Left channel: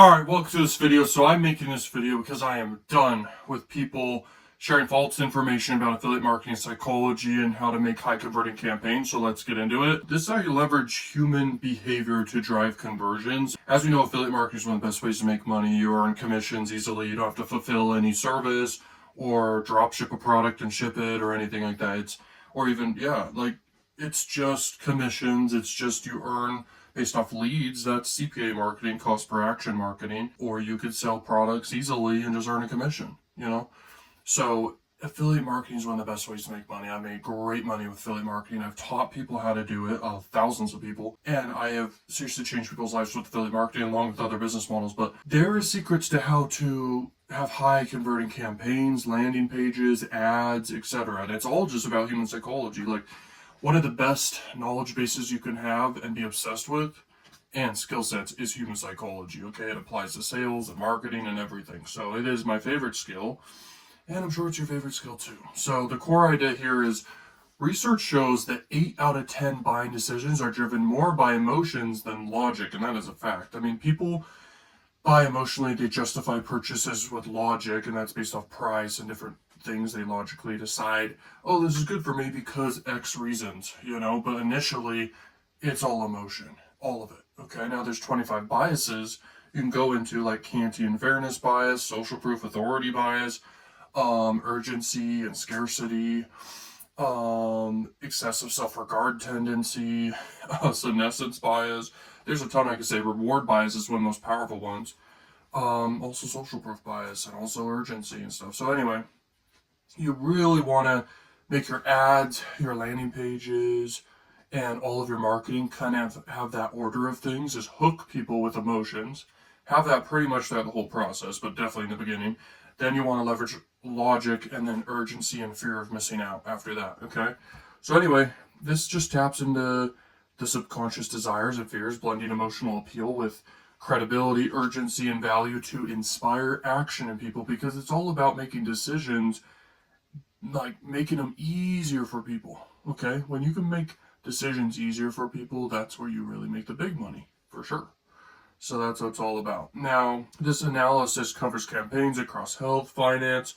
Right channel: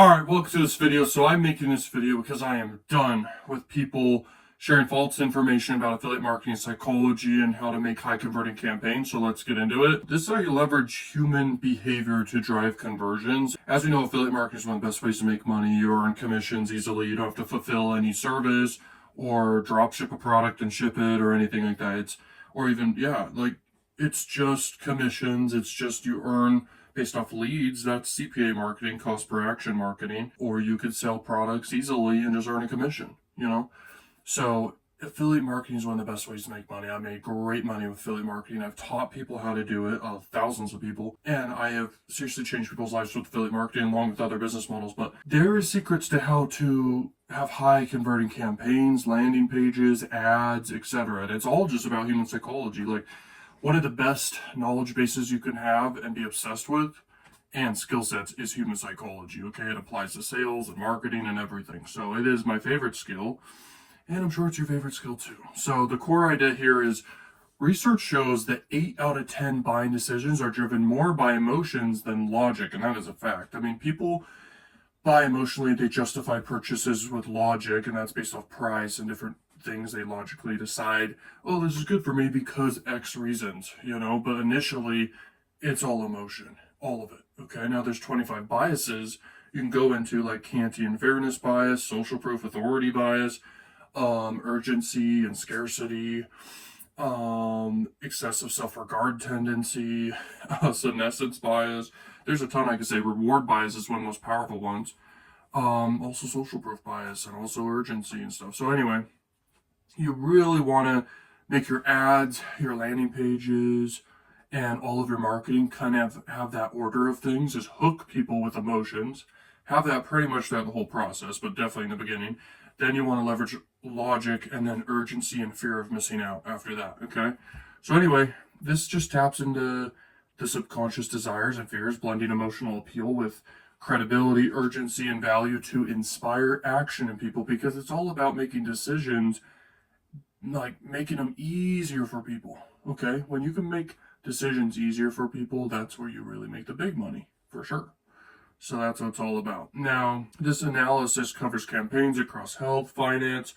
Alright, welcome to this video. So I'm making this video because I am done with people sharing false information about affiliate marketing psychology and how to make high converting campaigns. So let's get into it. This is how you leverage human behavior to drive conversions. As we know, affiliate marketing is one of the best ways to make money. You earn commissions easily. You don't have to fulfill any service or drop ship a product and ship it or anything like that. It's just commissions. It's just you earn based off leads. That's CPA marketing, cost per action marketing. Or you could sell products easily and just earn a commission. So affiliate marketing is one of the best ways to make money. I made great money with affiliate marketing. I've taught people how to do it, thousands of people, and I have seriously changed people's lives with affiliate marketing along with other business models. But there are secrets to how to have high converting campaigns, landing pages, ads, etc. And it's all just about human psychology. Like, one of the best knowledge bases you can have and be obsessed with and skill sets is human psychology. Okay, it applies to sales and marketing and everything. So it is my favorite skill, and I'm sure it's your favorite skill too. So the core idea here is research shows that 8 out of 10 buying decisions are driven more by emotions than logic, and that is a fact. I mean, people buy emotionally, they justify purchases with logic, and that's based off price and different things. They logically decide, oh, this is good for me because X reasons, but initially it's all emotion, all of it. Okay, now there's 25 biases you can go into, like Kantian fairness bias, social proof authority bias, urgency and scarcity, excessive self-regard tendency, senescence bias. There's a ton I could say. Reward bias is one of the most powerful ones. Also social proof bias and also urgency and stuff. So anyway, you really want to make your ads, your landing pages, and all of your marketing kind of have that order of things, is hook people with emotions. Have that pretty much throughout the whole process, but definitely in the beginning. Then you want to leverage logic and then urgency and fear of missing out after that, okay? So anyway, this just taps into the subconscious desires and fears, blending emotional appeal with credibility, urgency, and value to inspire action in people, because it's all about making decisions, like making them easier for people, okay? When you can make decisions easier for people, that's where you really make the big money, for sure. So that's what it's all about. Now, this analysis covers campaigns across health, finance,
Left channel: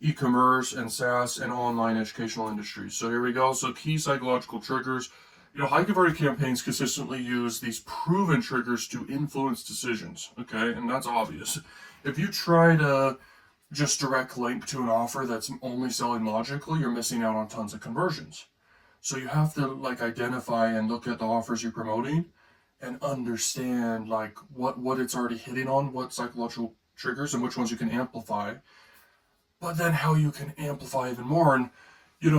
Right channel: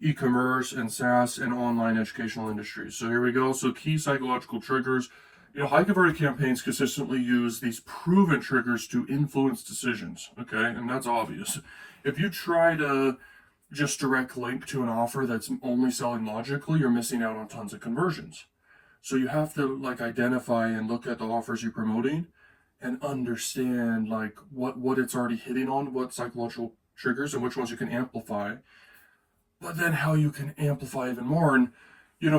e-commerce, and SaaS and online educational industries. So here we go. So key psychological triggers. High converting campaigns consistently use these proven triggers to influence decisions, okay? And that's obvious. If you try to just direct link to an offer that's only selling logically, you're missing out on tons of conversions. So you have to identify and look at the offers you're promoting and understand what it's already hitting on, what psychological triggers and which ones you can amplify, but then how you can amplify even more. And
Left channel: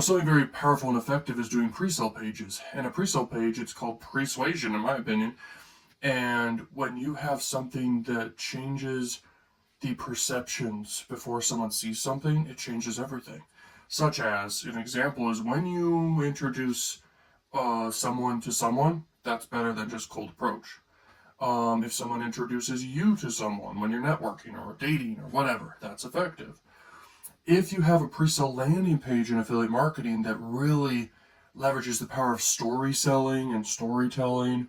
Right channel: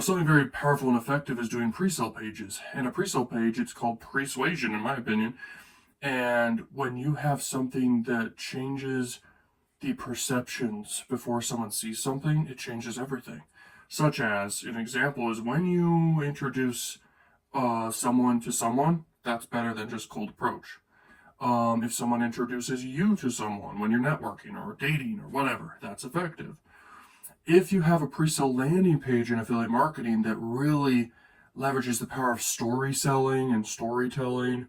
something very powerful and effective is doing pre-sale pages. In a pre-sale page, it's called persuasion, in my opinion. And when you have something that changes the perceptions before someone sees something, it changes everything. Such as, an example is when you introduce someone to someone, that's better than just cold approach. If someone introduces you to someone when you're networking or dating or whatever, that's effective. If you have a pre-sale landing page in affiliate marketing that really leverages the power of story selling and storytelling,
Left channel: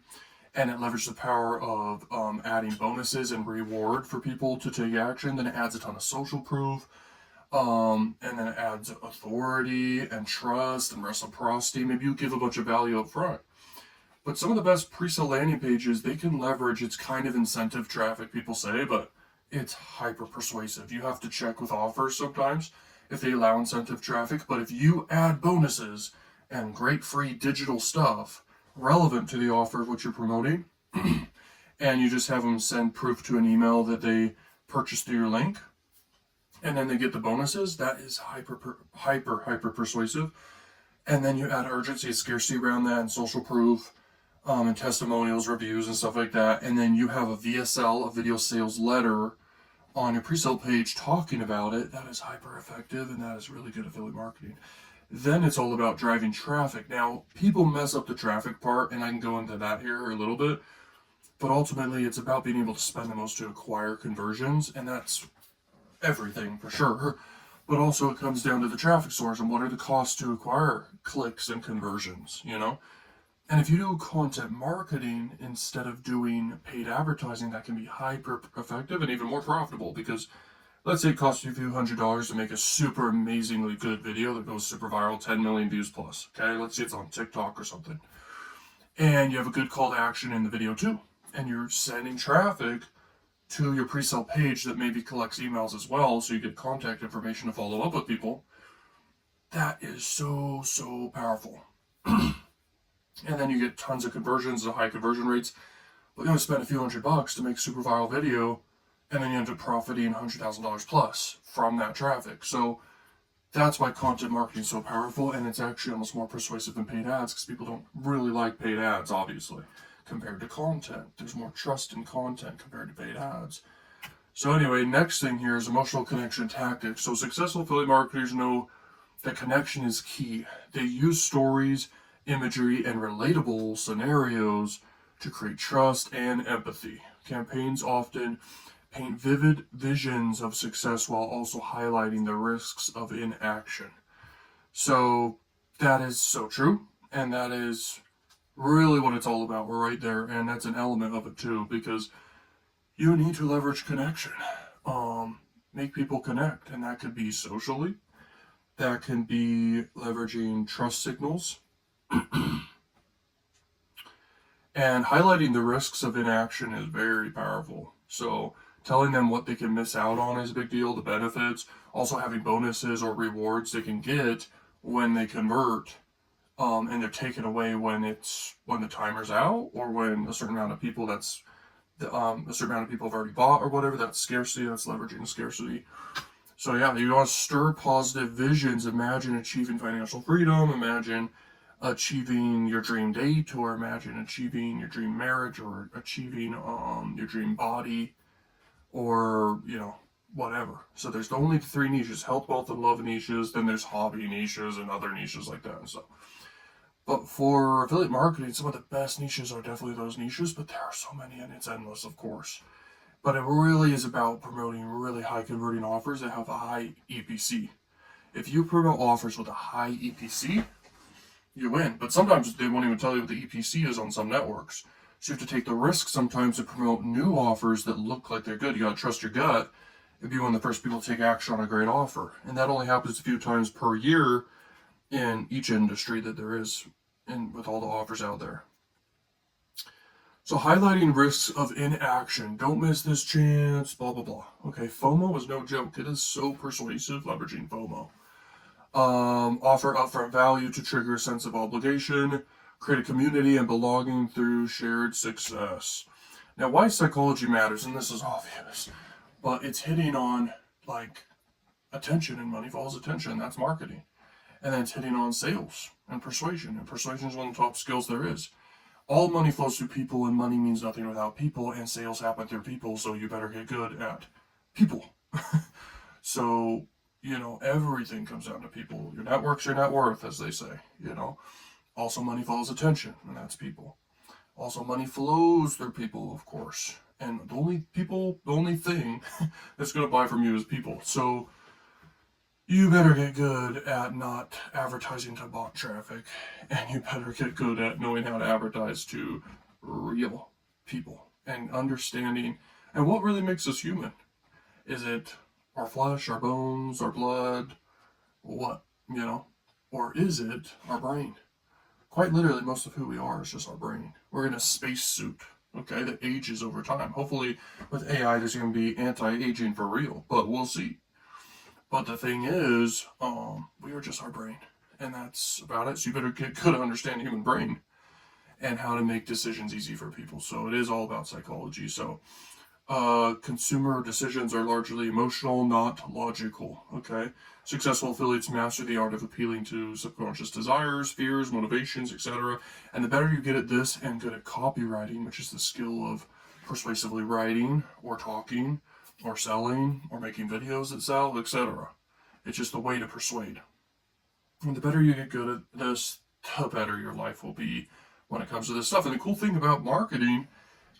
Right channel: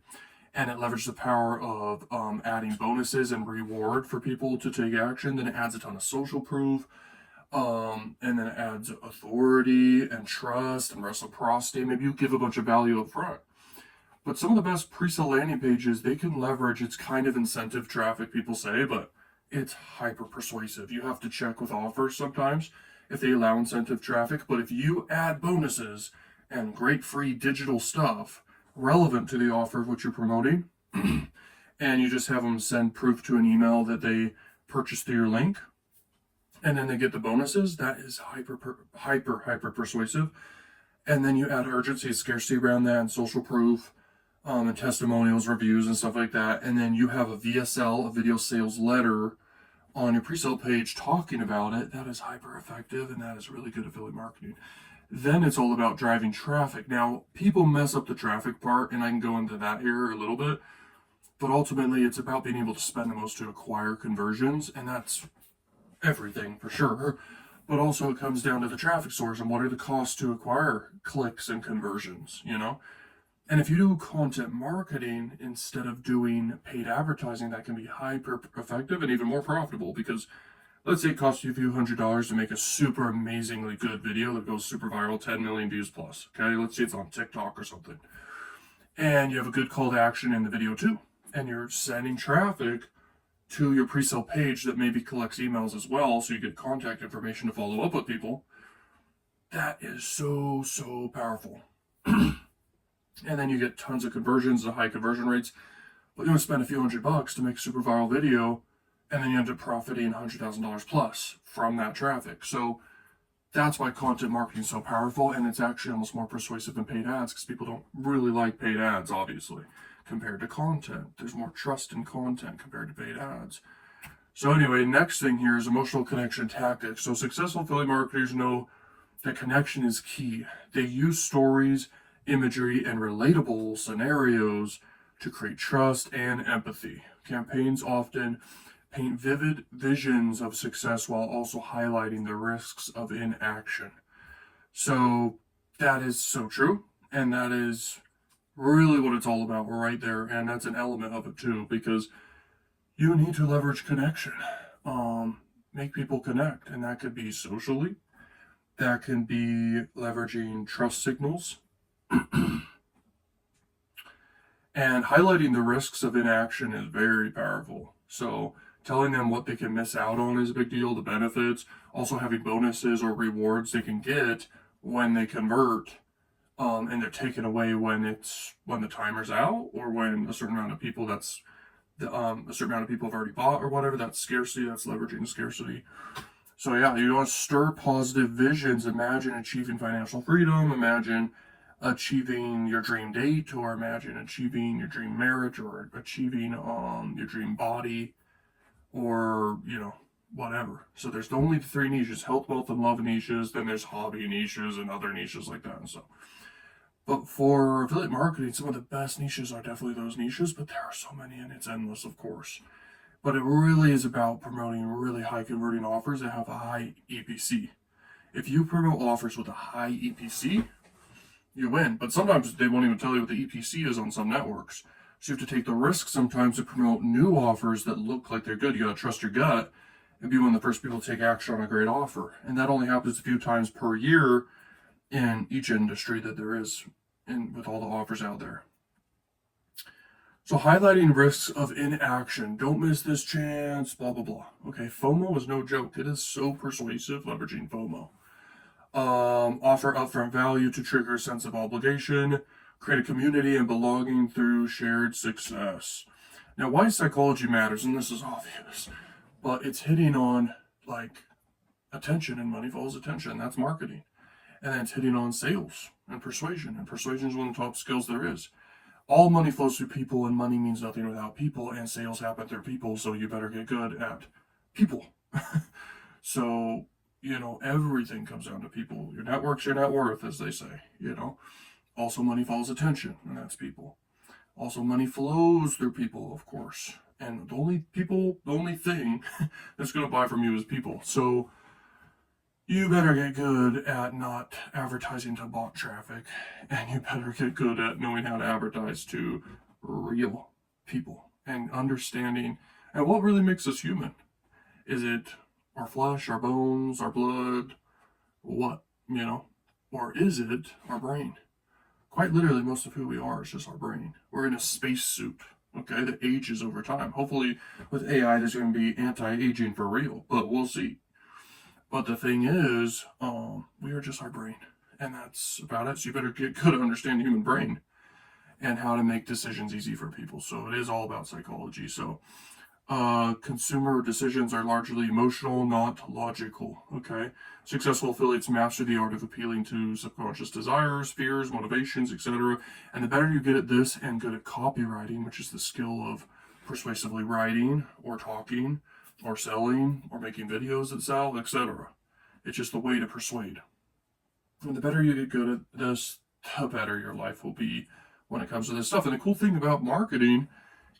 and it leverages the power of adding bonuses and reward for people to take action, then it adds a ton of social proof, and then it adds authority and trust and reciprocity. Maybe you give a bunch of value up front. But some of the best pre-sale landing pages, they can leverage, it's kind of incentive traffic, people say, but it's hyper persuasive. You have to check with offers sometimes if they allow incentive traffic, but if you add bonuses and great free digital stuff relevant to the offer of what you're promoting, and you just have them send proof to an email that they purchased through your link, and then they get the bonuses, that is hyper persuasive. And then you add urgency and scarcity around that and social proof, and testimonials, reviews, and stuff like that. And then you have a VSL, a video sales letter, on your pre-sale page talking about it. That is hyper effective, and that is really good affiliate marketing. Then it's all about driving traffic. Now, people mess up the traffic part, and I can go into that here a little bit, but ultimately it's about being able to spend the most to acquire conversions, and that's everything for sure. But also it comes down to the traffic source and what are the costs to acquire clicks and conversions, And if you do content marketing instead of doing paid advertising, that can be hyper effective and even more profitable, because let's say it costs you a few $100s to make a super amazingly good video that goes super viral, 10 million views plus. Okay, let's say it's on TikTok or something. And you have a good call to action in the video too. And you're sending traffic to your pre-sale page that maybe collects emails as well, so you get contact information to follow up with people. That is so, so powerful. And then you get tons of conversions and high conversion rates. But you only spend a few $100 to make a super viral video, and then you end up profiting $100,000 plus from that traffic. So that's why content marketing is so powerful, and it's actually almost more persuasive than paid ads, because people don't really like paid ads, obviously, compared to content. There's more trust in content compared to paid ads. So anyway, next thing here is emotional connection tactics. So successful affiliate marketers know that connection is key. They use stories, imagery, and relatable scenarios to create trust and empathy. Campaigns often paint vivid visions of success while also highlighting the risks of inaction. So that is so true, and that is really what it's all about right there, and that's an element of it too, because you need to leverage connection. Make people connect, and that could be socially, that can be leveraging trust signals, and highlighting the risks of inaction is very powerful. So telling them what they can miss out on is a big deal, the benefits, also having bonuses or rewards they can get when they convert, and they're taken away when the timer's out, or when a certain amount of people a certain amount of people have already bought or whatever. That's scarcity. That's leveraging scarcity. So yeah, you want to stir positive visions. Imagine achieving financial freedom. Imagine achieving your dream date, or imagine achieving your dream marriage, or achieving your dream body, or whatever. So there's only three niches: health, wealth, and love niches. Then there's hobby niches and other niches like that and stuff. But for affiliate marketing, some of the best niches are definitely those niches, but there are so many, and it's endless, of course. But it really is about promoting really high converting offers that have a high EPC. If you promote offers with a high EPC, you win. But sometimes they won't even tell you what the EPC is on some networks. So you have to take the risk sometimes to promote new offers that look like they're good. You gotta trust your gut and be one of the first people to take action on a great offer. And that only happens a few times per year in each industry that there is with all the offers out there. So highlighting risks of inaction. Don't miss this chance, blah, blah, blah. Okay, FOMO is no joke. It is so persuasive, leveraging FOMO. Offer upfront value to trigger a sense of obligation. Create a community and belonging through shared success. Now, why psychology matters, and this is obvious, but it's hitting on, like, attention, and money follows attention. That's marketing. And then it's hitting on sales and persuasion. And persuasion is one of the top skills there is. All money flows through people, and money means nothing without people, and sales happen through people, so you better get good at people. So, everything comes down to people. Your network's your net worth, as they say, Also, money follows attention, and that's people. Also, money flows through people, of course. And the only thing that's going to buy from you is people. So, you better get good at not advertising to bot traffic, and you better get good at knowing how to advertise to real people and understanding. And what really makes us human? Is it our flesh, our bones, our blood? What, or is it our brain? Quite literally, most of who we are is just our brain. We're in a spacesuit, okay, that ages over time. Hopefully, with AI, there's going to be anti-aging for real, but we'll see. But the thing is, we are just our brain, and that's about it. So you better get good at understanding the human brain and how to make decisions easy for people. So it is all about psychology. So consumer decisions are largely emotional, not logical, okay? Successful affiliates master the art of appealing to subconscious desires, fears, motivations, etc. And the better you get at this, and good at copywriting, which is the skill of persuasively writing or talking, or selling, or making videos that sell, etc. It's just a way to persuade. And the better you get good at this, the better your life will be when it comes to this stuff. And the cool thing about marketing,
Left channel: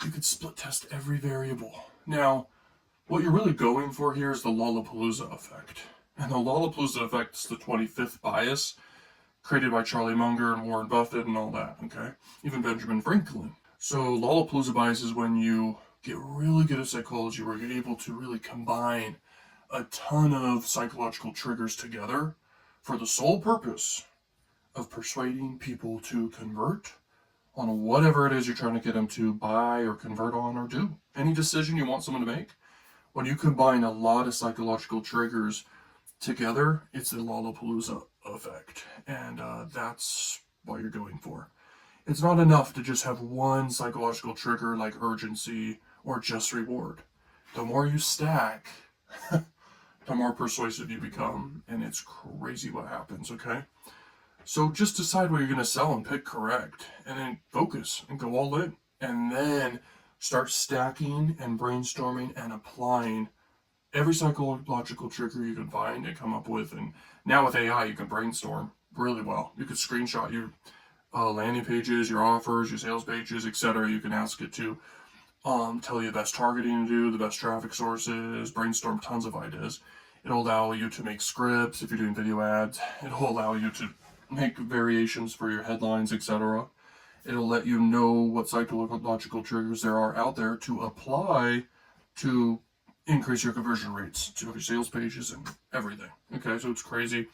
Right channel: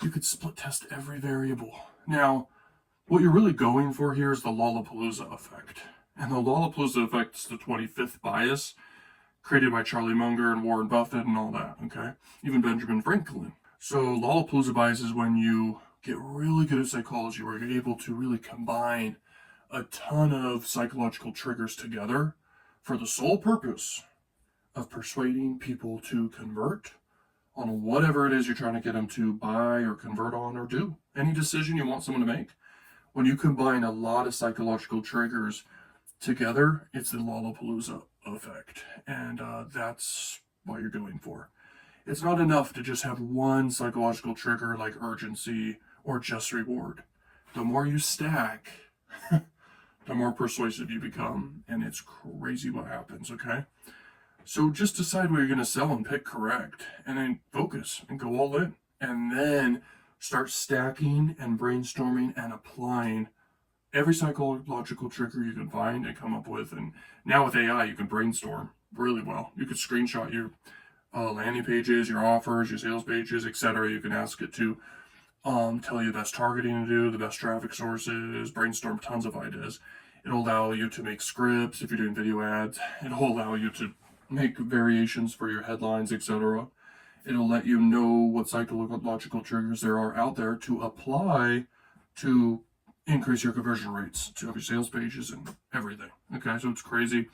you could split test every variable. Now, what you're really going for here is the Lollapalooza effect. And the Lollapalooza effect is the 25th bias. created by Charlie Munger and Warren Buffett and all that, okay? Even Benjamin Franklin. So Lollapalooza bias is when you get really good at psychology, where you're able to really combine a ton of psychological triggers together for the sole purpose of persuading people to convert on whatever it is you're trying to get them to buy or convert on or do. Any decision you want someone to make. When you combine a lot of psychological triggers together, it's the Lollapalooza effect. And that's what you're going for. It's not enough to just have one psychological trigger like urgency or just reward. The more you stack, the more persuasive you become. And it's crazy what happens, okay? So just decide what you're going to sell and pick correct. And then focus and go all in. And then start stacking and brainstorming and applying every psychological trigger you can find and come up with. And now with AI, you can brainstorm really well. You could screenshot your landing pages, your offers, your sales pages, etc. You can ask it to tell you the best targeting to do, the best traffic sources, brainstorm tons of ideas. It'll allow you to make scripts if you're doing video ads. It'll allow you to make variations for your headlines, etc. It'll let you know what psychological triggers there are out there to apply to increase your conversion rates to your sales pages and everything. Okay, so it's crazy.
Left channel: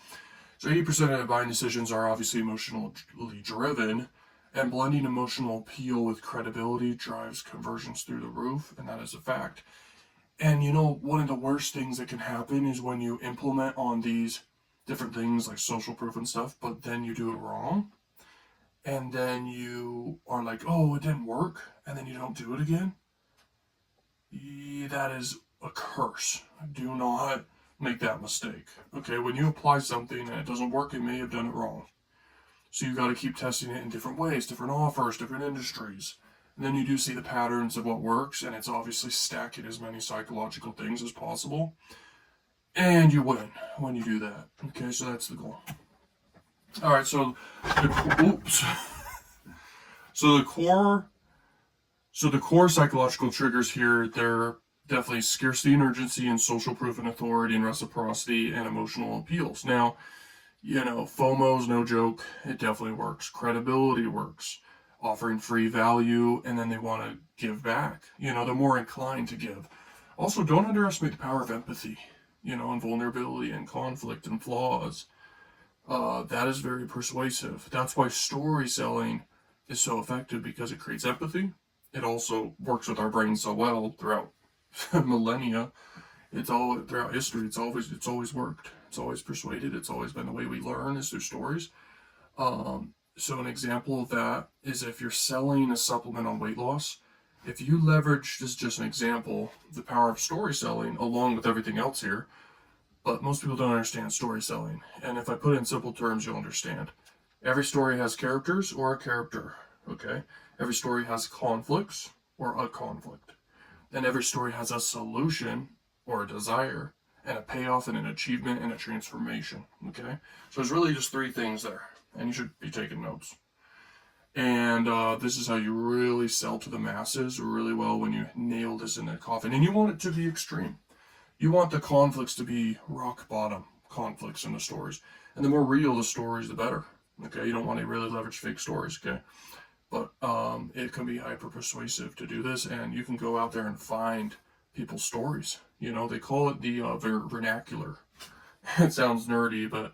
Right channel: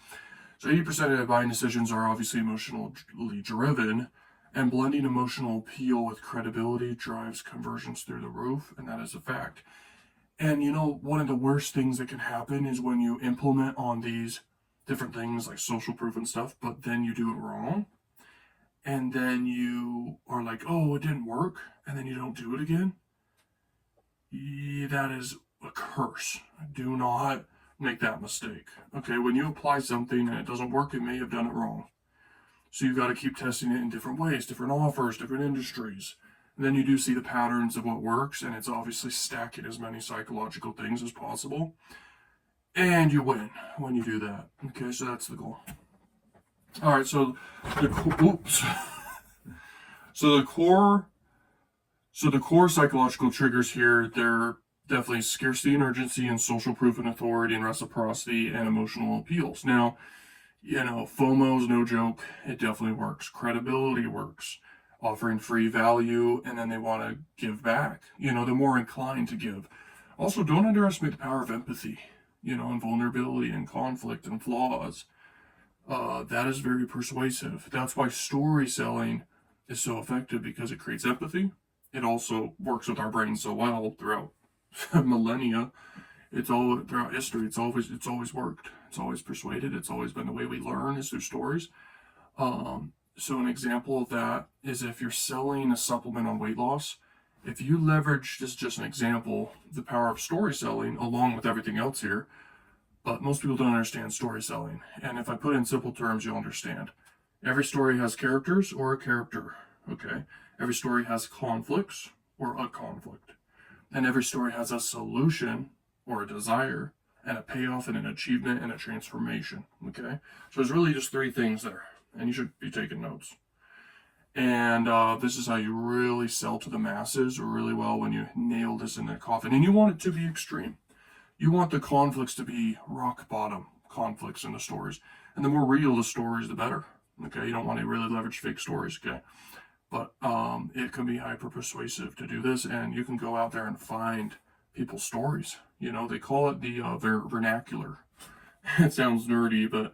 So 80% of buying decisions are obviously emotionally driven, and blending emotional appeal with credibility drives conversions through the roof, and that is a fact. And you know, one of the worst things that can happen is when you implement on these different things like social proof and stuff, but then you do it wrong. And then you are like, oh, it didn't work. And then you don't do it again. That is a curse. Do not make that mistake. Okay, when you apply something and it doesn't work, you may have done it wrong. So you got to keep testing it in different ways, different offers, different industries. And then you do see the patterns of what works, and it's obviously stacking as many psychological things as possible. And you win when you do that. Okay, so that's the goal. All right, so the core psychological triggers here, they're definitely scarcity and urgency and social proof and authority and reciprocity and emotional appeals. Now, you know, FOMO's no joke. It definitely works. Credibility works. Offering free value, and then they want to give back. You know, they're more inclined to give. Also, don't underestimate the power of empathy, you know, and vulnerability and conflict and flaws. That is very persuasive. That's why story selling is so effective, because it creates empathy. It also works with our brains so well throughout millennia. It's all throughout history. It's always worked. It's always persuaded. It's always been the way we learn is through stories. So an example of that is if you're selling a supplement on weight loss, if you leverage, this is just an example, the power of story selling along with everything else here, but most people don't understand story selling. And if I put it in simple terms, you'll understand. Every story has characters or a character, okay? Every story has conflicts or a conflict. And every story has a solution or a desire and a payoff and an achievement and a transformation, okay? So there's really just three things there, and you should be taking notes. And this is how you really sell to the masses really well, when you nail this in the coffin. And you want it to be extreme. You want the conflicts to be rock bottom conflicts in the stories. And the more real the stories, the better. Okay, you don't want to really leverage fake stories, okay? But it can be hyper persuasive to do this, and you can go out there and find people's stories. You know, they call it the vernacular. It sounds nerdy, but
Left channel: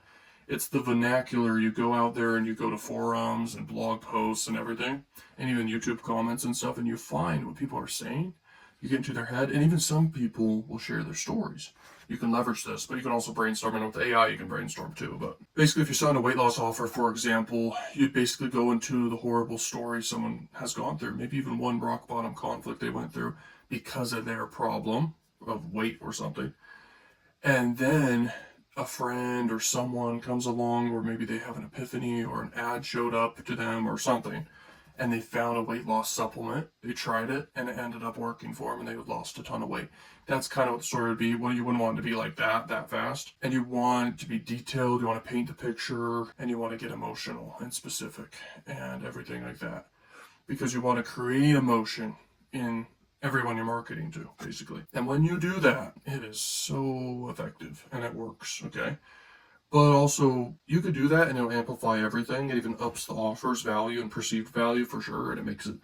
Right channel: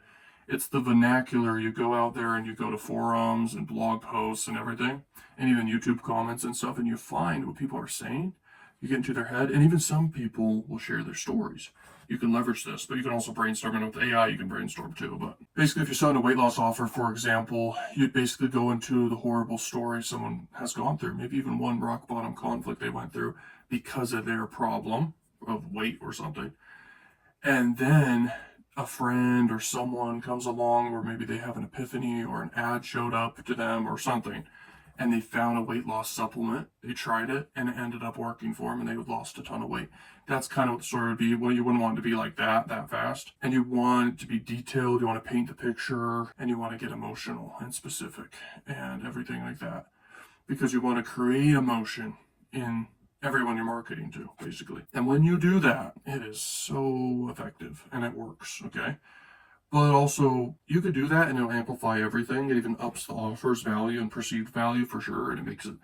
it's the vernacular. You go out there and you go to forums and blog posts and everything, and even YouTube comments and stuff, and you find what people are saying. You get into their head, and even some people will share their stories. You can leverage this, but you can also brainstorm, and with AI you can brainstorm too. But basically, if you're selling a weight loss offer, for example, you'd basically go into the horrible story someone has gone through, maybe even one rock bottom conflict they went through because of their problem of weight or something. And then a friend or someone comes along, or maybe they have an epiphany or an ad showed up to them or something, and they found a weight loss supplement. They tried it, and it ended up working for them, and they lost a ton of weight. That's kind of what the story would be. Well, you wouldn't want it to be like that fast. And you want it to be detailed. You want to paint the picture, and you want to get emotional and specific and everything like that. Because you want to create emotion in everyone you're marketing to, basically. And when you do that, it is so effective, and it works, okay? But also, you could do that and it'll amplify everything. It even ups the offer's value and perceived value for sure, and it makes it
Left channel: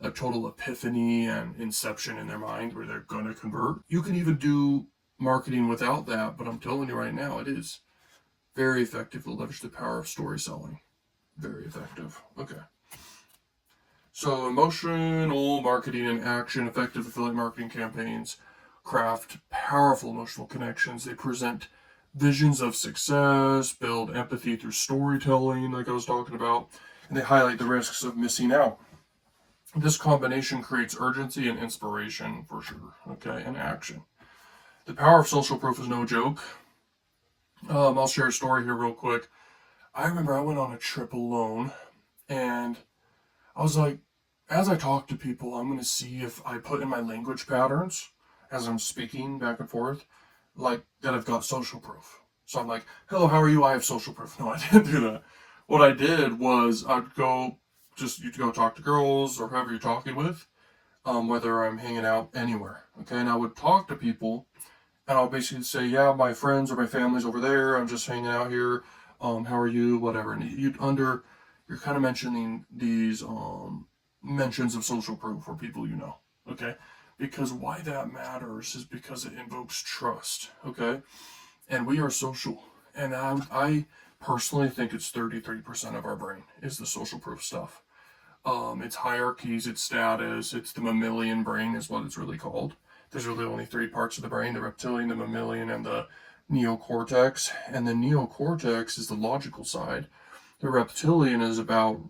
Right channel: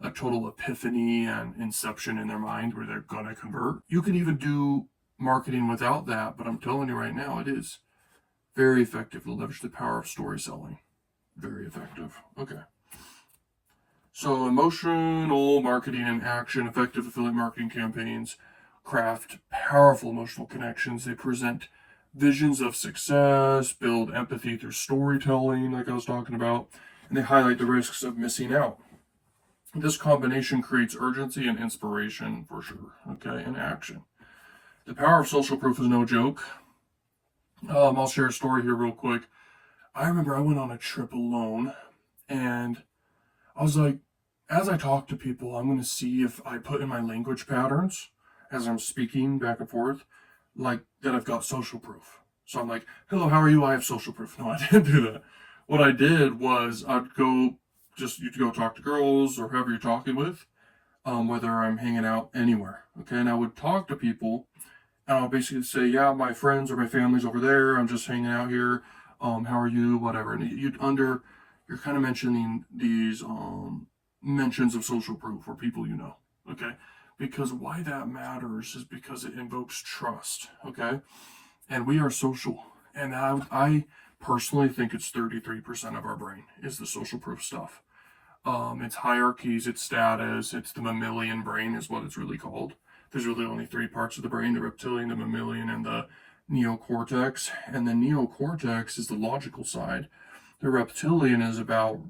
a total epiphany and inception in their mind where they're going to convert. You can even do marketing without that, but I'm telling you right now, it is very effective to leverage the power of story selling. Very effective. Okay. So, emotional marketing and action, effective affiliate marketing campaigns craft powerful emotional connections. They present visions of success, build empathy through storytelling, like I was talking about, and they highlight the risks of missing out. This combination creates urgency and inspiration for sure, okay, and action. The power of social proof is no joke. I'll share a story here real quick. I remember I went on a trip alone, and I was like, as I talk to people, I'm going to see if I put in my language patterns as I'm speaking back and forth, like that I've got social proof. So I'm like, hello, how are you? I have social proof. No, I didn't do that. What I did was I'd go, just you go talk to girls or whoever you're talking with, whether I'm hanging out anywhere. Okay. And I would talk to people and I'll basically say, yeah, my friends or my family's over there. I'm just hanging out here. How are you? Whatever. And you're kind of mentioning these mentions of social proof or people you know. Okay. Because why that matters is because it invokes trust. Okay. And we are social. And I personally think it's 33% of our brain is the social proof stuff. It's hierarchies, it's status, it's the mammalian brain is what it's really called. There's really only three parts of the brain: the reptilian, the mammalian, and the neocortex. And the neocortex is the logical side. The reptilian is about,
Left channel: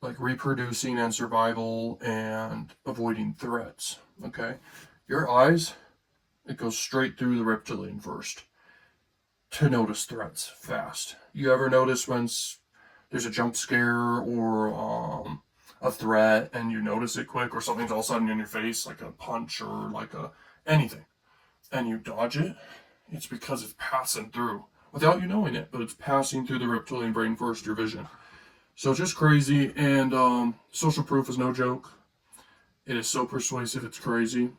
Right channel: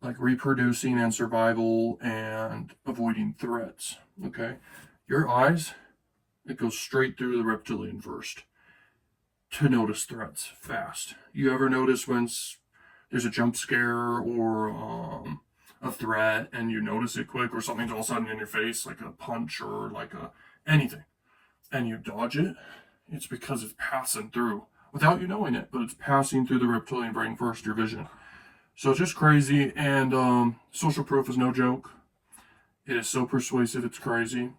like reproducing and survival and avoiding threats. Okay. Your eyes, it goes straight through the reptilian first to notice threats fast. You ever notice when there's a jump scare or a threat and you notice it quick, or something's all of a sudden in your face, like a punch or like anything, and you dodge it? It's because it's passing through without you knowing it, but it's passing through the reptilian brain first, your vision. So it's just crazy, and social proof is no joke. It is so persuasive, it's crazy.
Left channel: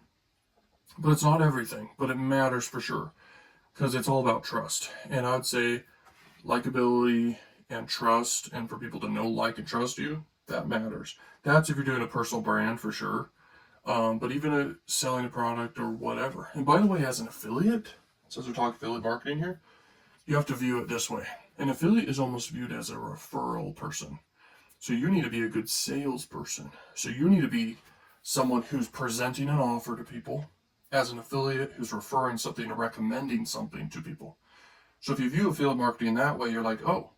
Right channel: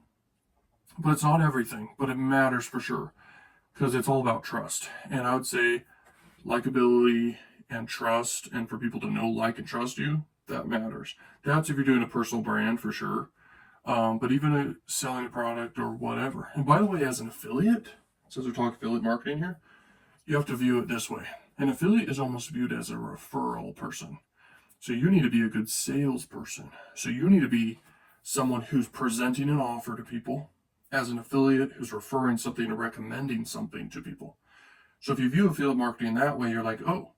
But it's not everything, but it matters for sure, because it's all about trust. And I would say likability and trust, and for people to know, like, and trust you, that matters. That's if you're doing a personal brand for sure. But even selling a product or whatever. And by the way, as an affiliate, since we're talking affiliate marketing here, you have to view it this way. An affiliate is almost viewed as a referral person. So you need to be a good salesperson. So you need to be someone who's presenting an offer to people as an affiliate, who's referring something or recommending something to people. So if you view affiliate marketing that way, you're like, oh,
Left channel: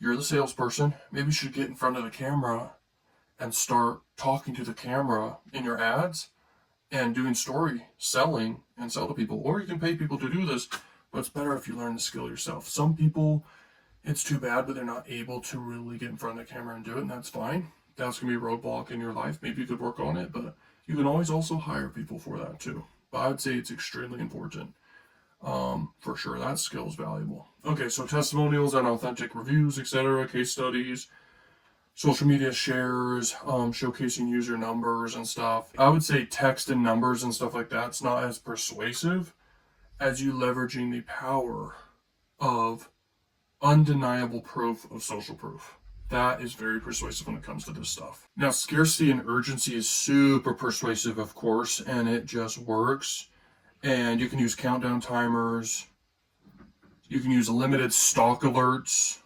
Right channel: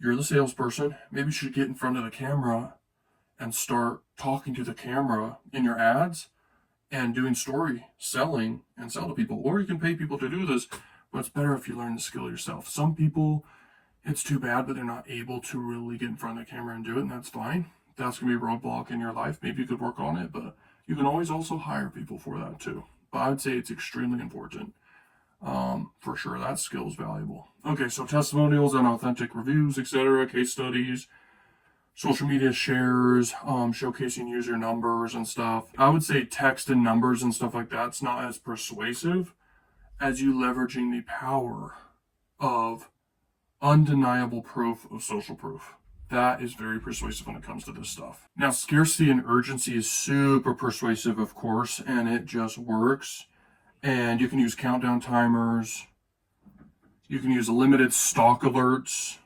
you're the salesperson. Maybe you should get in front of the camera and start talking to the camera in your ads and doing story selling and sell to people. Or you can pay people to do this, but it's better if you learn the skill yourself. Some people, it's too bad, but they're not able to really get in front of the camera and do it, and that's fine. That's going to be a roadblock in your life. Maybe you could work on it, but you can always also hire people for that too. But I would say it's extremely important. For sure, that skill is valuable. Okay, so testimonials and authentic reviews, etc., case studies, social media shares, showcasing user numbers and stuff. I would say text and numbers and stuff like that's not as persuasive as you leveraging the power of undeniable proof of social proof. That is very persuasive when it comes to this stuff. Now, scarcity and urgency is super persuasive, of course, and it just works. And you can use countdown timers. You can use limited stock alerts.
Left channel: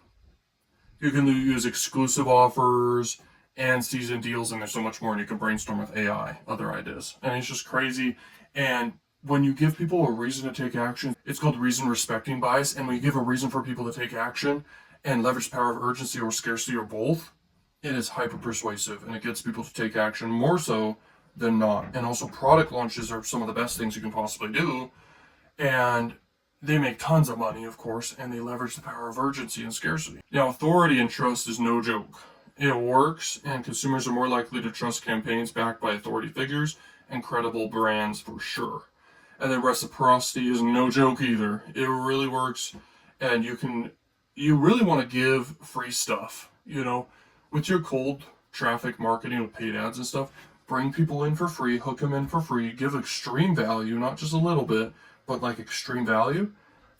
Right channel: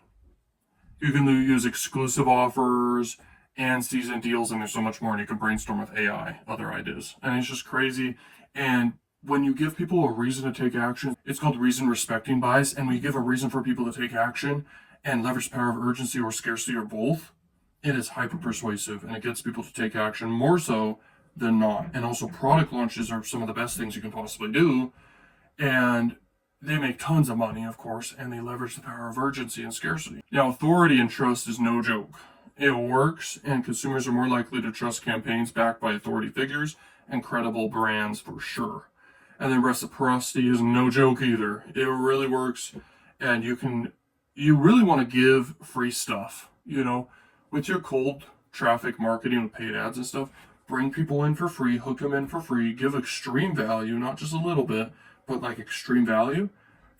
You can use exclusive offers and season deals, and there's so much more. And you can brainstorm with AI, other ideas. And it's just crazy. And when you give people a reason to take action, it's called reason respecting bias. And when you give a reason for people to take action and leverage the power of urgency or scarcity or both, it is hyper persuasive and it gets people to take action more so than not. And also, product launches are some of the best things you can possibly do. And they make tons of money, of course, and they leverage the power of urgency and scarcity. Now, authority and trust is no joke. It works, and consumers are more likely to trust campaigns backed by authority figures and credible brands for sure. And then reciprocity is no joke either. It really works, and you really want to give free stuff, with your cold traffic marketing with paid ads and stuff. Bring people in for free, hook them in for free, give extreme value, not just a little bit, but like extreme value,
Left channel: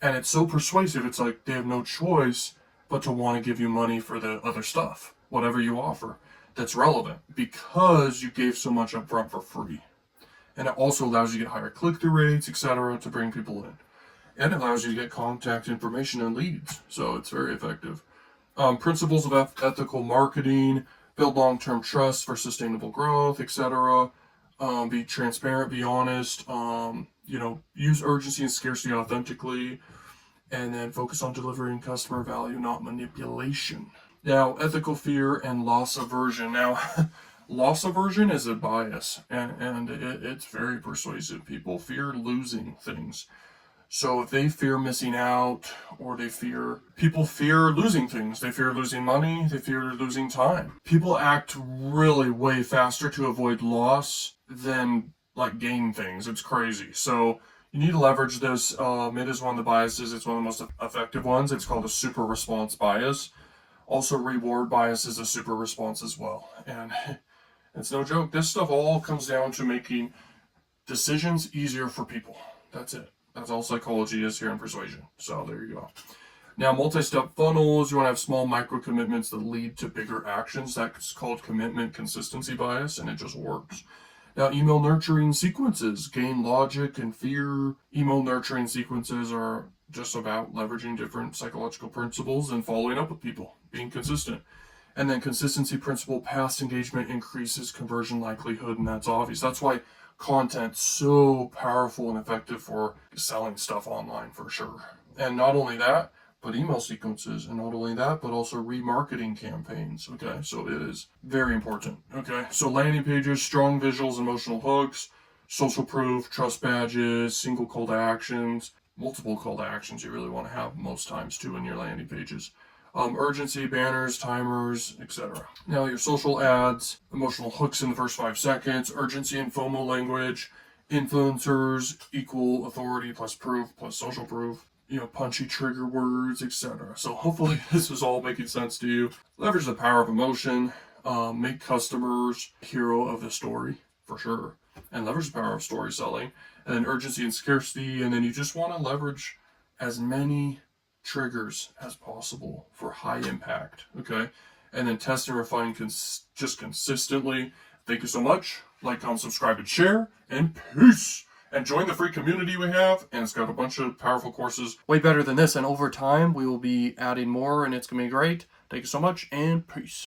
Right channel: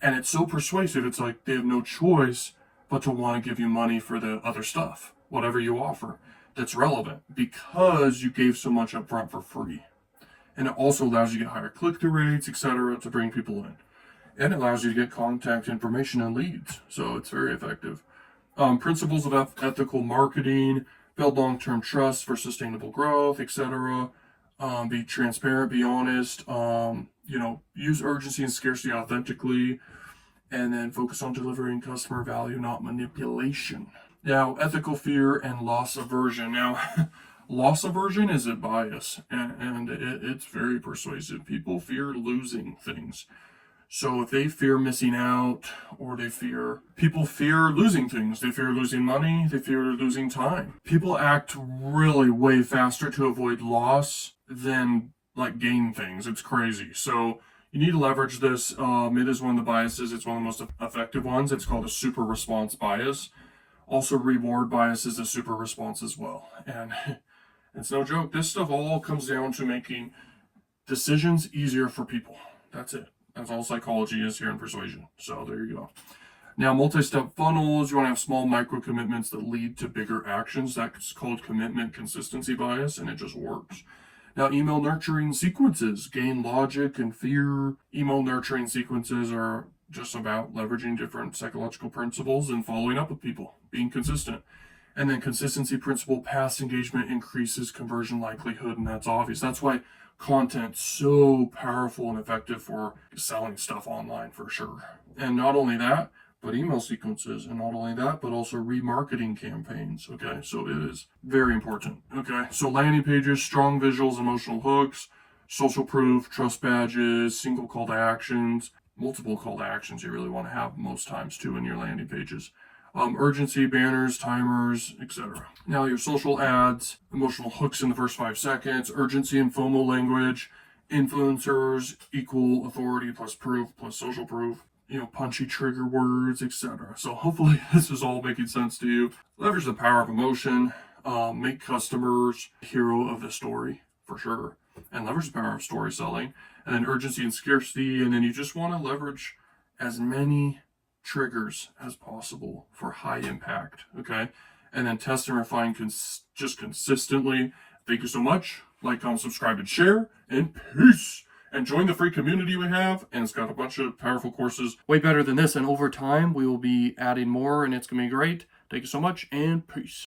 And it's so persuasive, it's like they have no choice but to want to give you money for the other stuff, whatever you offer that's relevant, because you gave so much up front for free. And it also allows you to get higher click-through rates, etc., to bring people in. And it allows you to get contact information and leads. So it's very effective. Principles of ethical marketing, build long-term trust for sustainable growth, etc. Be transparent, be honest. Use urgency and scarcity authentically, and then focus on delivering customer value, not manipulation. Now, ethical fear and loss aversion. Now, loss aversion is a bias, and it's very persuasive. People fear losing things. So if they fear missing out, or people fear losing things. They fear losing money, they fear losing time. People act really way faster to avoid loss than like gain things. It's crazy. So you need to leverage this. It is one of the biases. It's one of the most effective ones. It's called a super response bias. Also, reward bias is a super response as well. And it's no joke. This stuff all comes down to making decisions easier for people. That's it. That's all psychology is here in persuasion. So there you go. Now, multi-step funnels, you want to have small micro commitments that lead to bigger actions. That's called commitment consistency bias, and it just works. Now, email nurturing sequences, gain logic and fear. Email nurturing sequences are just about leveraging different psychological principles and following up with people, being consistent. And then consistency principle, past engagement increases conversion likelihood, and that's obvious. That's why content's so powerful and effective for selling stuff online for sure. And not only that, but email sequences, and not only that, but also remarketing campaigns. Okay, so it is very important. Okay, so landing pages, strong visuals, emotional hooks, social proof, trust badges, single call to actions, multiple call to actions you really want to have most times too in your landing pages. Urgency, banners, timers, etc. Now your social ads, emotional hooks in the first 5 seconds, urgency and FOMO language, influencers, equal authority plus proof plus social proof, punchy trigger words, etc. So hopefully this is all making sense to you. Leverage the power of emotion, make customers hero of the story for sure, and leverage the power of story selling, and then urgency and scarcity, and then you just want to leverage as many triggers as possible for high impact. Okay, and then test and refine just consistently. Thank you so much. Like, comment, subscribe, and share, and peace. And join the free community we have, and it's got a bunch of powerful courses way better than this, and over time we will be adding more, and it's gonna be great. Thank you so much, and peace.